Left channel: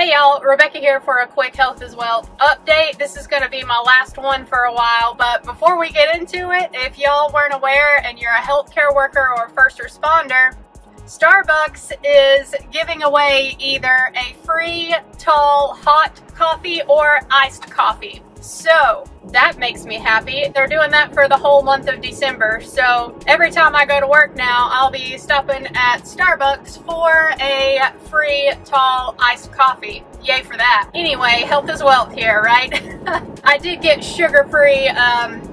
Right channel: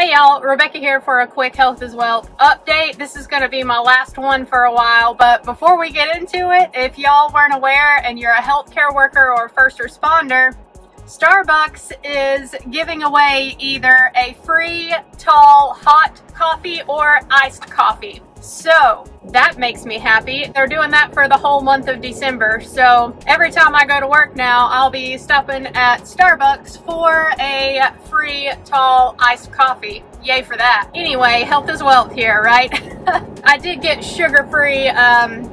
Hey y'all, Rebecca here for a quick Health is Wealth update. This is going to be my last one for a while, but before we get into it, if y'all weren't aware and you're a healthcare worker or first responder, Starbucks is giving away either a free tall hot coffee or iced coffee. So that makes me happy. They're doing that for the whole month of December. So every time I go to work now, I'll be stopping at Starbucks for a free tall iced coffee. Yay for that. Anyway, health is wealth here, right? I did get sugar-free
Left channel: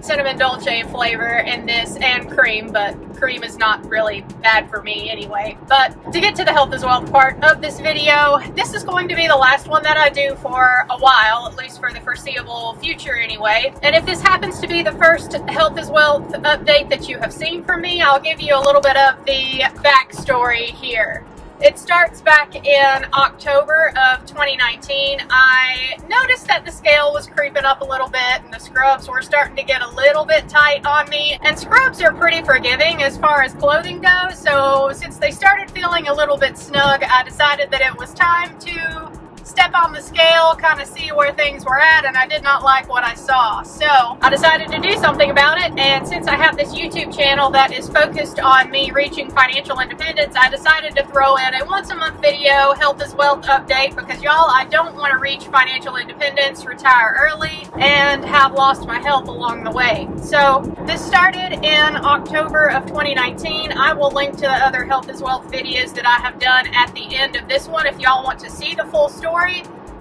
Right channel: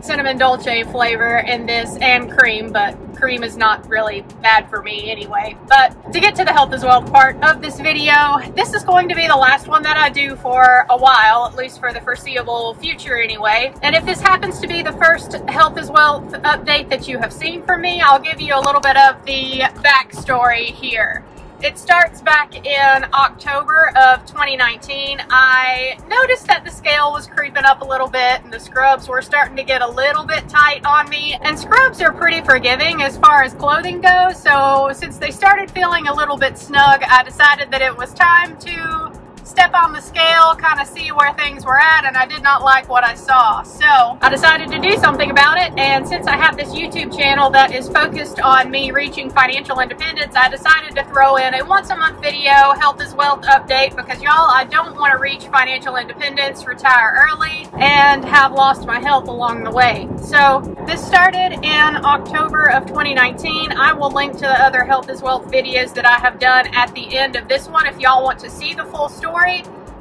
cinnamon dolce flavor in this and cream, but cream is not really bad for me anyway. But to get to the health is wealth part of this video, this is going to be the last one that I do for a while, at least for the foreseeable future anyway. And if this happens to be the first health is wealth update that you have seen from me, I'll give you a little bit of the backstory here. It starts back in October of 2019. I noticed that the scale was creeping up a little bit and the scrubs were starting to get a little bit tight on me. And scrubs are pretty forgiving as far as clothing goes. So since they started feeling a little bit snug, I decided that it was time to step on the scale, kind of see where things were at, and I did not like what I saw. So I decided to do something about it, and since I have this YouTube channel that is focused on me reaching financial independence, I decided to throw in a once-a-month video health is wealth update because y'all, I don't want to reach financial independence, retire early, and have lost my health along the way. So this started in October of 2019. I will link to the other health is wealth videos that I have done at the end of this one if y'all want to see the full story.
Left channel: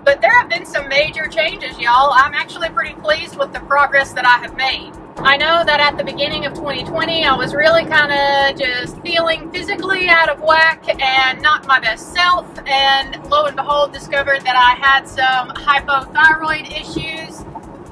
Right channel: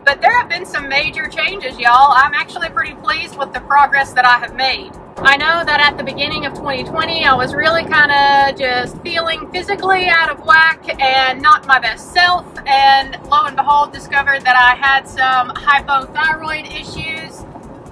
But there have been some major changes, y'all. I'm actually pretty pleased with the progress that I have made. I know that at the beginning of 2020, I was really kind of just feeling physically out of whack and not my best self. And lo and behold, discovered that I had some hypothyroid issues.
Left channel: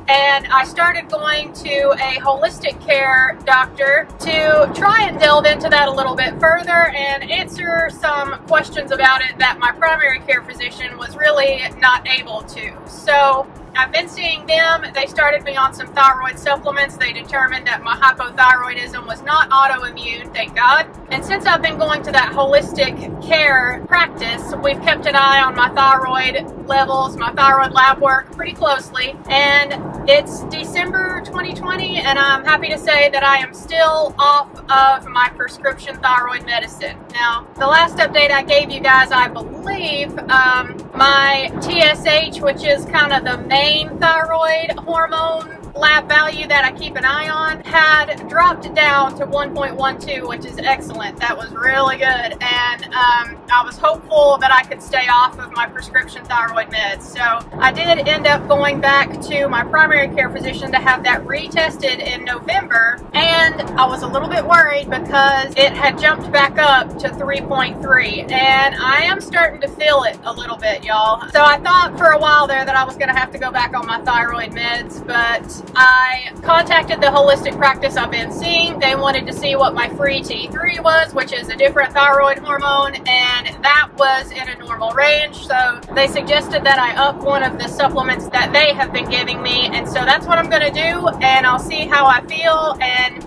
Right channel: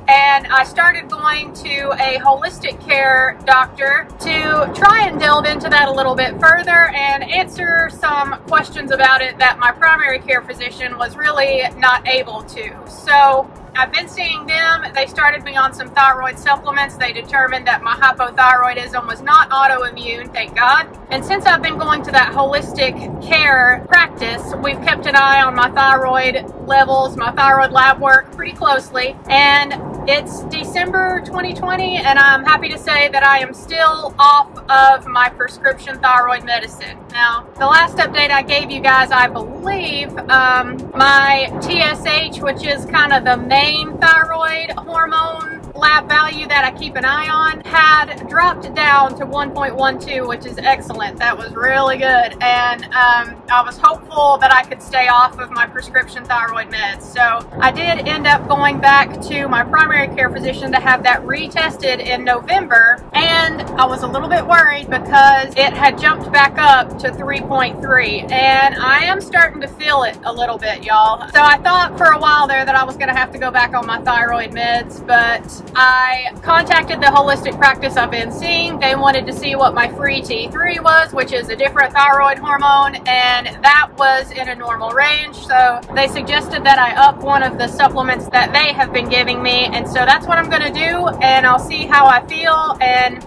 And I started going to a holistic care doctor to try and delve into that a little bit further and answer some questions about it that my primary care physician was really not able to. So I've been seeing them. They started me on some thyroid supplements. They determined that my hypothyroidism was not autoimmune, thank God. And since I've been going to that holistic care practice, we've kept an eye on my thyroid levels, my thyroid lab work pretty closely. And it's December 2020, and I'm happy to say that I am still off of my prescription thyroid medicine. Now, the last update I gave you guys, I believe, my TSH, which is kind of the main thyroid hormone lab value that I keep an eye on, had dropped down to 1.12, which is excellent. That was really good. And I was hopeful that I could stay off of my prescription thyroid meds. So I did end up going back to my primary care physician to have that retested in November. And I was a little bit worried because it had jumped back up to 3.3. And I am starting to feel it a little bit, y'all. So I thought for a while there that I was going to have to go back on my thyroid meds, but I contacted the holistic practice I've been seeing. They wanted to see what my free T3 was, which is a different thyroid hormone, and that was in a normal range. So they suggested that I up one of the supplements that they have been giving me, and so that's what I'm going to do, and I'll see how I feel, and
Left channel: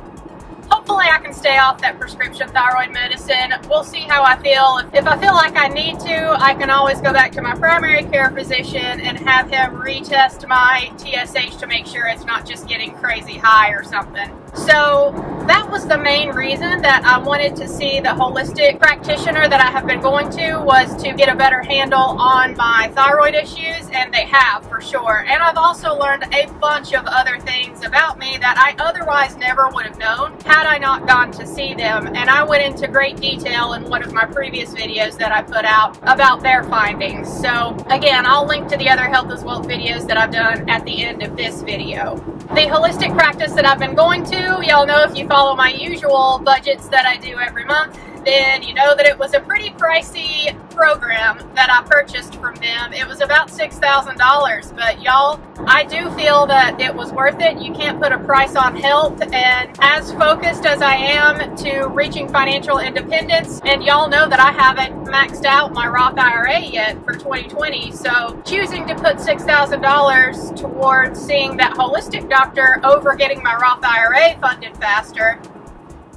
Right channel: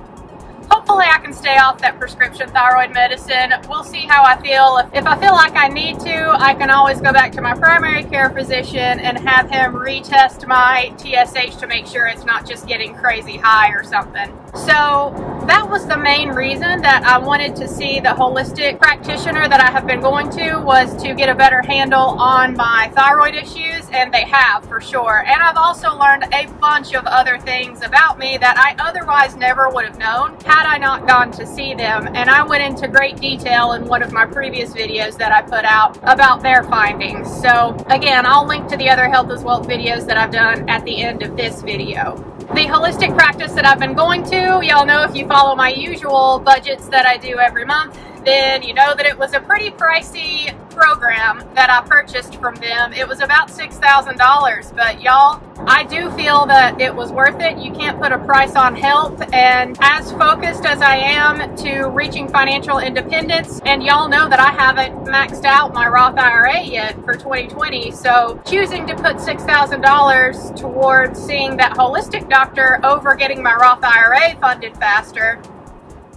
hopefully I can stay off that prescription thyroid medicine. We'll see how I feel. If I feel like I need to, I can always go back to my primary care physician and have him retest my TSH to make sure it's not just getting crazy high or something. So that was the main reason that I wanted to see the holistic practitioner that I have been going to, was to get a better handle on my thyroid issues, and they have for sure. And I've also learned a bunch of other things about me that I otherwise never would have known had I not gone to see them. And I went into great detail in one of my previous videos that I put out about their findings. So again, I'll link to the other health is wealth videos that I've done at the end of this video. The holistic practice that I've been going to, y'all know if you follow my usual budgets that I do every month, then you know that it was a pretty pricey program that I purchased from them. It was about $6,000, but y'all, I do feel that it was worth it. You can't put a price on health, and as focused as I am to reaching financial independence, and y'all know that I haven't maxed out my Roth IRA yet for 2020, so choosing to put $6,000 towards seeing that holistic doctor over getting my Roth IRA funded faster,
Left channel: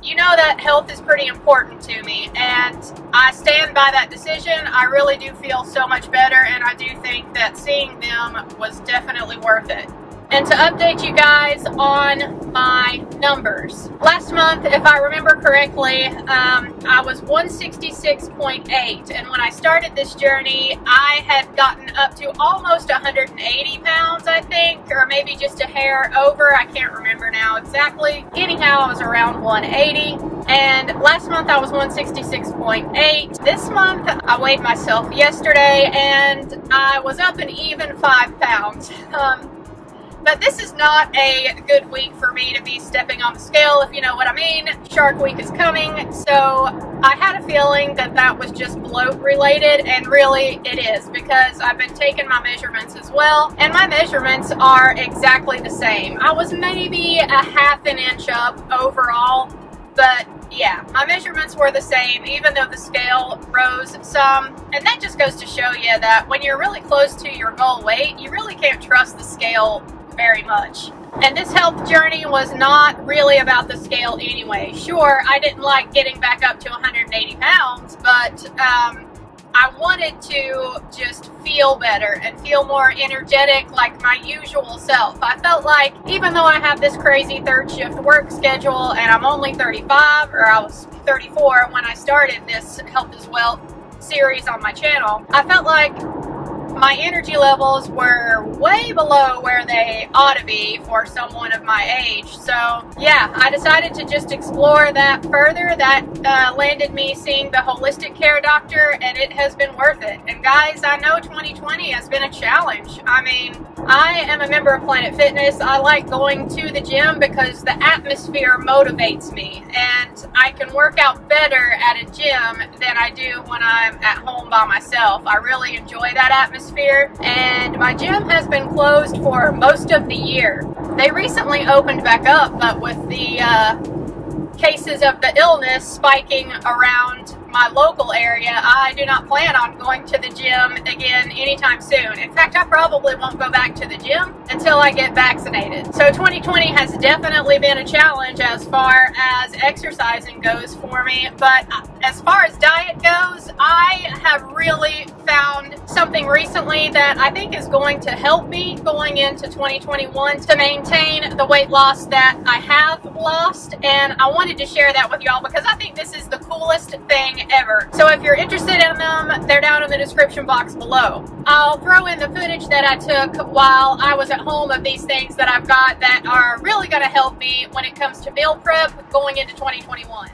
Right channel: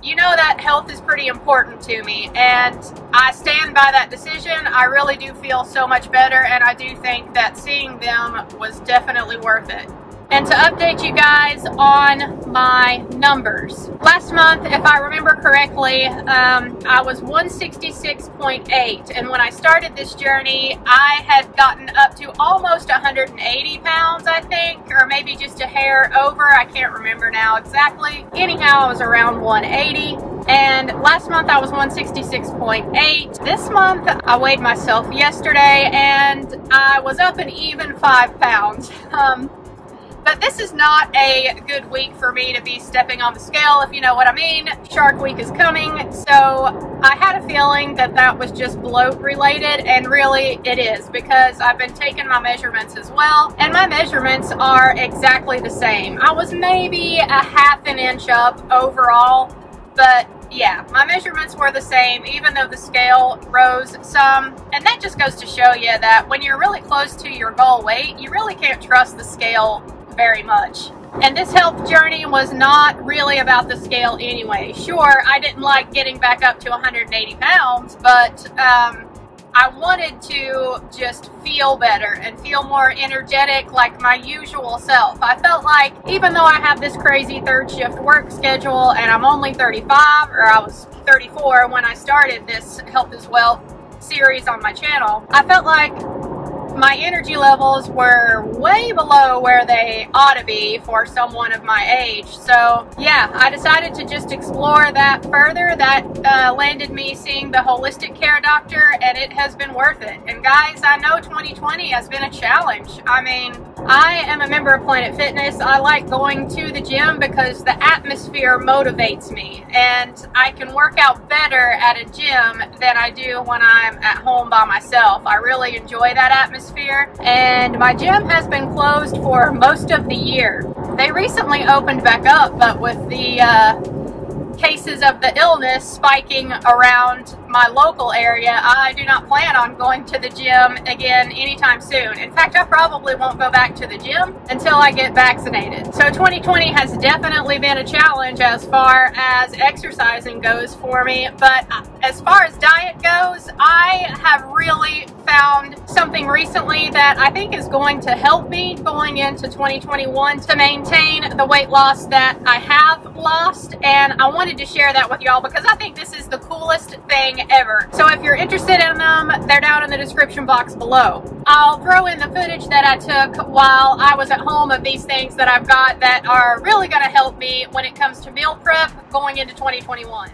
you know that health is pretty important to me, and I stand by that decision. I really do feel so much better, and I do think that seeing them was definitely worth it. And to update you guys on my numbers. Last month, if I remember correctly, I was 166.8, and when I started this journey, I had gotten up to almost 180 pounds, I think, or maybe just a hair over. I can't remember now exactly. Anyhow, I was around 180, and last month I was 166.8. This month, I weighed myself yesterday, and I was up an even 5 pounds. But this is not a good week for me to be stepping on the scale, if you know what I mean. Shark Week is coming, so I had a feeling that that was just bloat related, and really it is, because I've been taking my measurements as well, and my measurements are exactly the same. I was maybe a half an inch up overall, but yeah, my measurements were the same, even though the scale rose some. And that just goes to show you that when you're really close to your goal weight, you really can't trust the scale very much. And this health journey was not really about the scale anyway. Sure, I didn't like getting back up to 180 pounds, but I wanted to just feel better and feel more energetic, like my usual self. I felt like even though I have this crazy third shift work schedule and I'm only 35, or I was 34 when I started this Health is Wealth series on my channel, I felt like my energy levels were way below where they ought to be for someone of my age. So yeah, I decided to just explore that further. That landed me seeing the holistic care doctor, and it has been worth it. And guys, I know 2020 has been a challenge. I mean, I am a member of Planet Fitness. I like going to the gym because the atmosphere motivates me, and I can work out better at a gym than I do when I'm at home by myself. I really enjoy that atmosphere, and my gym has been closed for most of the year. They recently opened back up, but with the cases of the illness spiking around my local area, I do not plan on going to the gym again anytime soon. In fact, I probably won't go back to the gym until I get vaccinated. So 2020 has definitely been a challenge as far as exercising goes for me, but as far as diet goes, I have really found something recently that I think is going to help me going into 2021 to maintain the weight loss that I have lost, and I wanted to share that with y'all because I think this is the coolest thing ever. So if you're interested in them, they're down in the description box below. I'll throw in the footage that I took while I was at home of these things that I've got that are really going to help me when it comes to meal prep going into 2021.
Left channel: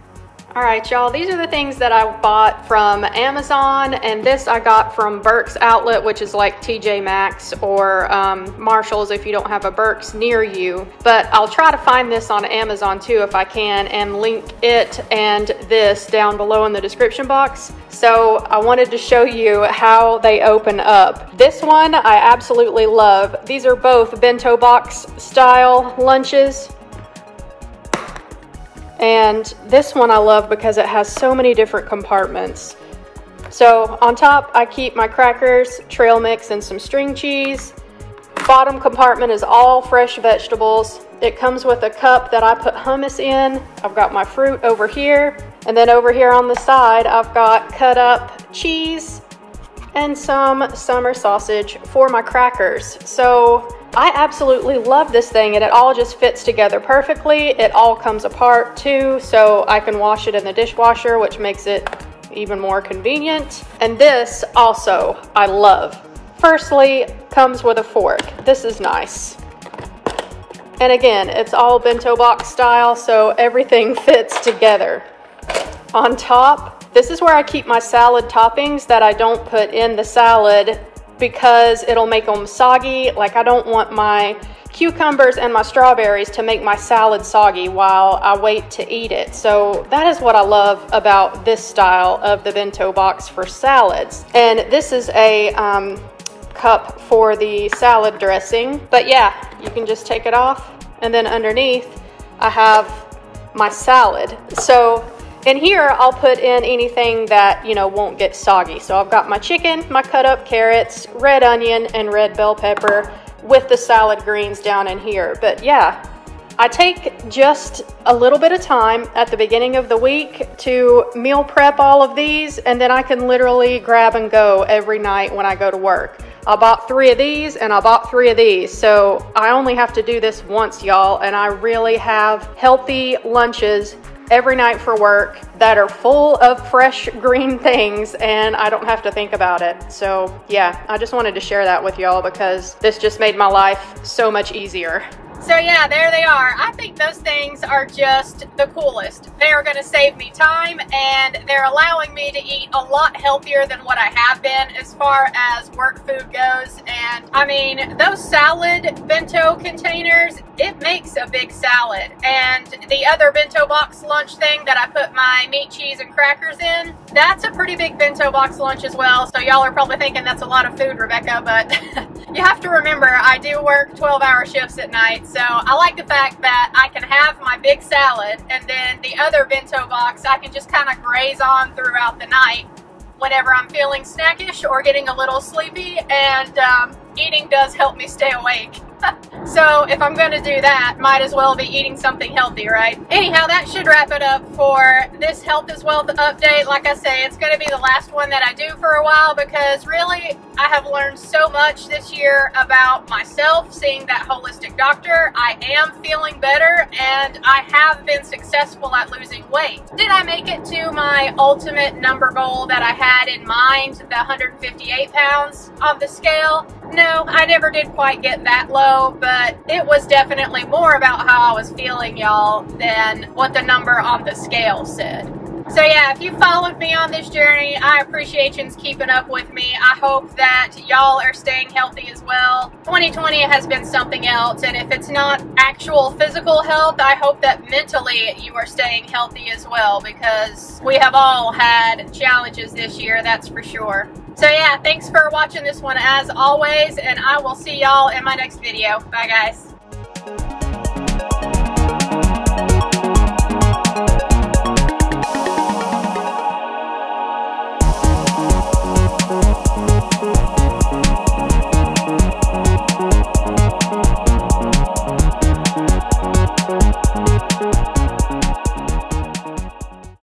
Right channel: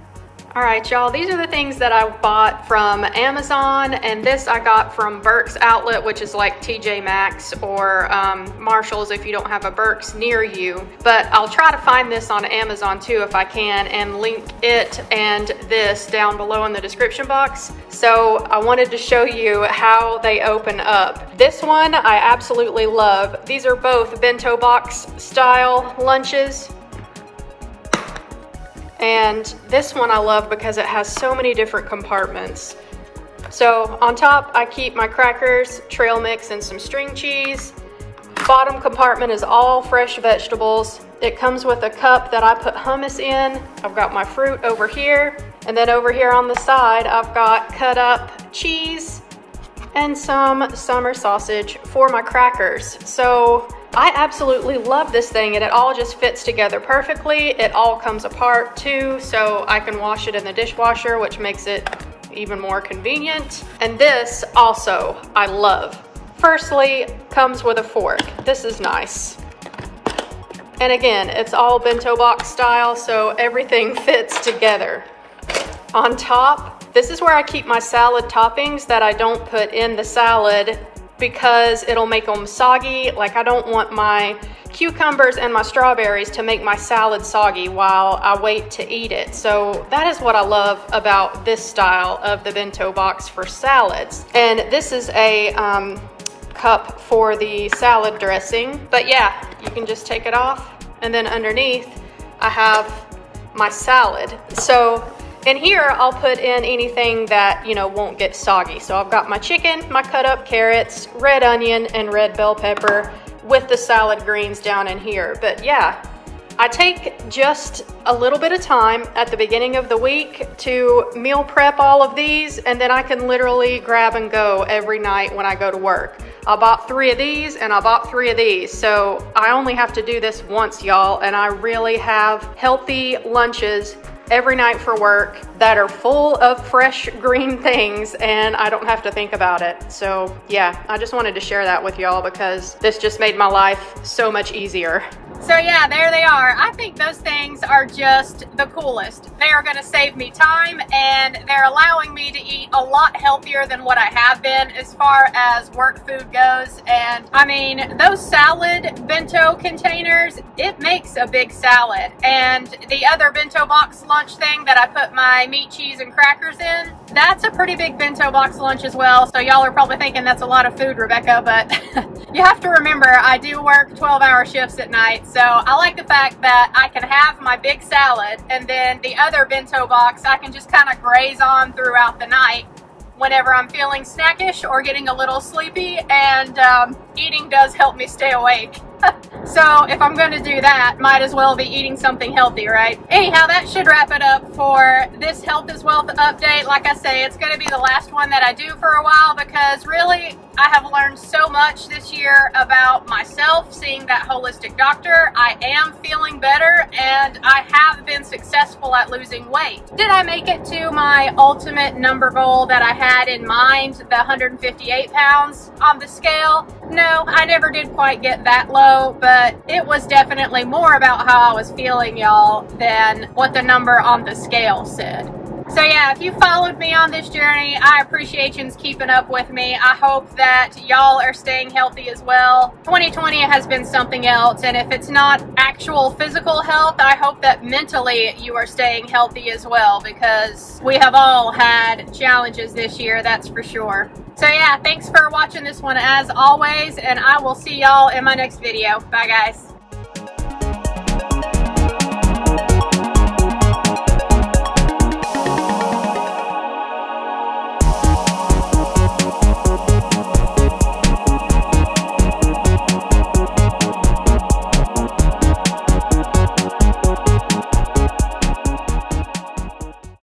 All right, y'all, these are the things that I bought from Amazon, and this I got from Burke's Outlet, which is like TJ Maxx or Marshall's if you don't have a Burke's near you. But I'll try to find this on Amazon too if I can, and link it and this down below in the description box. So I wanted to show you how they open up. This one I absolutely love. These are both bento box style lunches. And this one I love because it has so many different compartments. So on top, I keep my crackers, trail mix, and some string cheese. Bottom compartment is all fresh vegetables. It comes with a cup that I put hummus in. I've got my fruit over here. And then over here on the side, I've got cut up cheese and some summer sausage for my crackers. So I absolutely love this thing, and it all just fits together perfectly. It all comes apart too, so I can wash it in the dishwasher, which makes it even more convenient. And this also I love. Firstly, comes with a fork. This is nice. And again, it's all bento box style, so everything fits together. On top, this is where I keep my salad toppings that I don't put in the salad because it'll make them soggy. Like, I don't want my cucumbers and my strawberries to make my salad soggy while I wait to eat it. So that is what I love about this style of the bento box for salads. And this is a cup for the salad dressing. But yeah, you can just take it off. And then underneath, I have my salad. So in here, I'll put in anything that, you know, won't get soggy. So I've got my chicken, my cut up carrots, red onion, and red bell pepper with the salad greens down in here. But yeah, I take just a little bit of time at the beginning of the week to meal prep all of these, and then I can literally grab and go every night when I go to work. I bought 3 of these and I bought 3 of these, so I only have to do this once, y'all, and I really have healthy lunches every night for work that are full of fresh green things, and I don't have to think about it. So yeah, I just wanted to share that with y'all because this just made my life so much easier. So yeah, there they are. I think those things are just the coolest. They are going to save me time, and they're allowing me to eat a lot healthier than what I have been as far as work food goes. And I mean, those salad bento containers, it makes a big salad. And the other bento box lunch thing that I put my meat, cheese, and crackers in, that's a pretty big bento box lunch as well. So y'all are probably thinking that's a lot of food, Rebecca, but you have to remember I do work 12-hour shifts at night. So I like the fact that I can have my big salad, and then the other bento box I can just kind of graze on throughout the night whenever I'm feeling snackish or getting a little sleepy, and eating does help me stay awake. So if I'm going to do that, might as well be eating something healthy, right? Anyhow, that should wrap it up for this Health is Wealth update. Like I say, it's going to be the last one that I do for a while because really I have learned so much this year about myself, seeing that holistic doctor. I am feeling better, and I have been successful at losing weight. Did I make it to my ultimate number goal that I had in mind, the 158 pounds on the scale? No, I never did quite get that low, but it was definitely more about how I was feeling, y'all, than what the number on the scale said. So yeah, if you followed me on this journey, I appreciate you keeping up with me. I hope that y'all are staying healthy as well. 2020 has been something else, and if it's not actual physical health, I hope that mentally you are staying healthy as well, because we have all had challenges this year, that's for sure. So yeah, thanks for watching this one as always, and I will see y'all in my next video. Bye guys.